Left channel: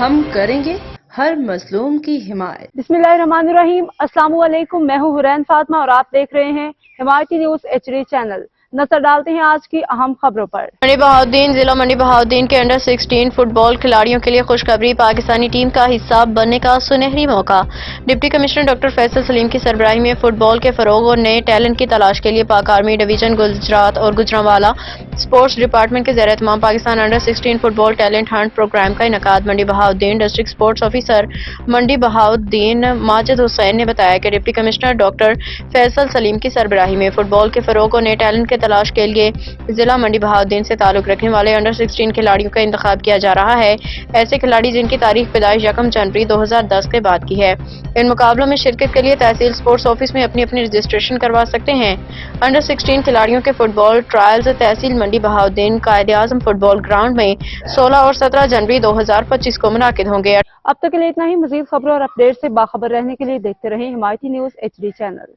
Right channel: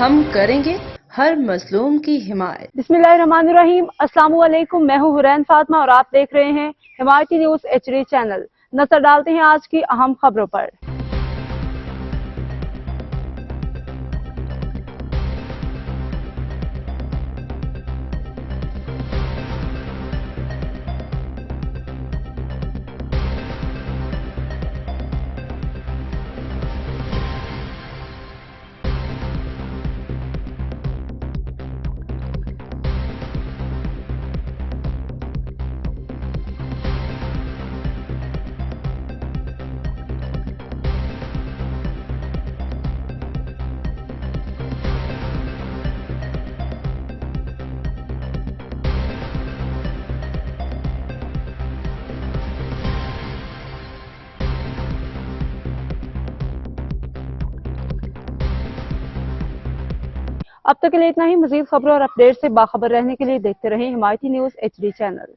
ہم کریں گے ہر مظلوم کی حمایت۔ بسم اللہ الرحمن الرحیم۔ السلام علیکم، میں ہوں حرین فاطمہ اور آپ دیکھ رہے ہیں حمایتی نیوز HD چینل۔ نظر ڈالتے ہیں آج کی اہم خبروں پر۔ منڈی بہاؤالدین ضلع منڈی بہاؤالدین کے انڈر 16 فٹ بال کھلاڑیوں کے لیے خوشخبری، پاکستانی ٹیم کا حصہ بننے کا سنہری موقع۔ ڈپٹی کمشنر ڈاکٹر فیصل سلیم کی سربراہی میں فٹ بال کے فروغ اور نئے ٹیلنٹ کی تلاش کے لیے پاک آرمی ڈویژن گجرات اور گوجرانوالا اسپورٹس ڈپارٹمنٹ کے زیر اہتمام پاکستان انڈر 16 فٹ بال ٹیلنٹ ہنٹ پروگرام کا انعقاد۔ منڈی بہاؤالدین ڈسٹرکٹ اسپورٹس آفیسر منڈی بہاؤالدین ماجد حسین نے بتایا کہ ڈپٹی کمشنر ڈاکٹر فیصل سلیم کی سربراہی میں فٹ بال کے فروغ اور نئے ٹیلنٹ کی تلاش کے لیے ضلع منڈی بہاؤالدین سے تعلق رکھنے والے انڈر 16 کھلاڑیوں کا انتخاب کیا جا رہا ہے۔ ایسے کھلاڑی جن کی تاریخ پیدائش 1 جنوری 2010 کے بعد کی ہے، ان مقابلوں میں شرکت کے لیے تحصیل اسپورٹس آفس میں اپنی رجسٹریشن کروا سکتے ہیں۔ انڈر 16 کھلاڑیوں کے فٹ بال ٹرائلز تحصیل منڈی بہاؤالدین قائد اعظم فٹ بال گراؤنڈ میں 16 اور 17 جنوری 2025 کو منعقد ہوں گے۔ اب تک کے لیے اتنا ہی۔ مزید خبروں اور اپڈیٹ سے باخبر رہنے کے لیے دیکھتے رہیں حمایتی نیوز HD چینل۔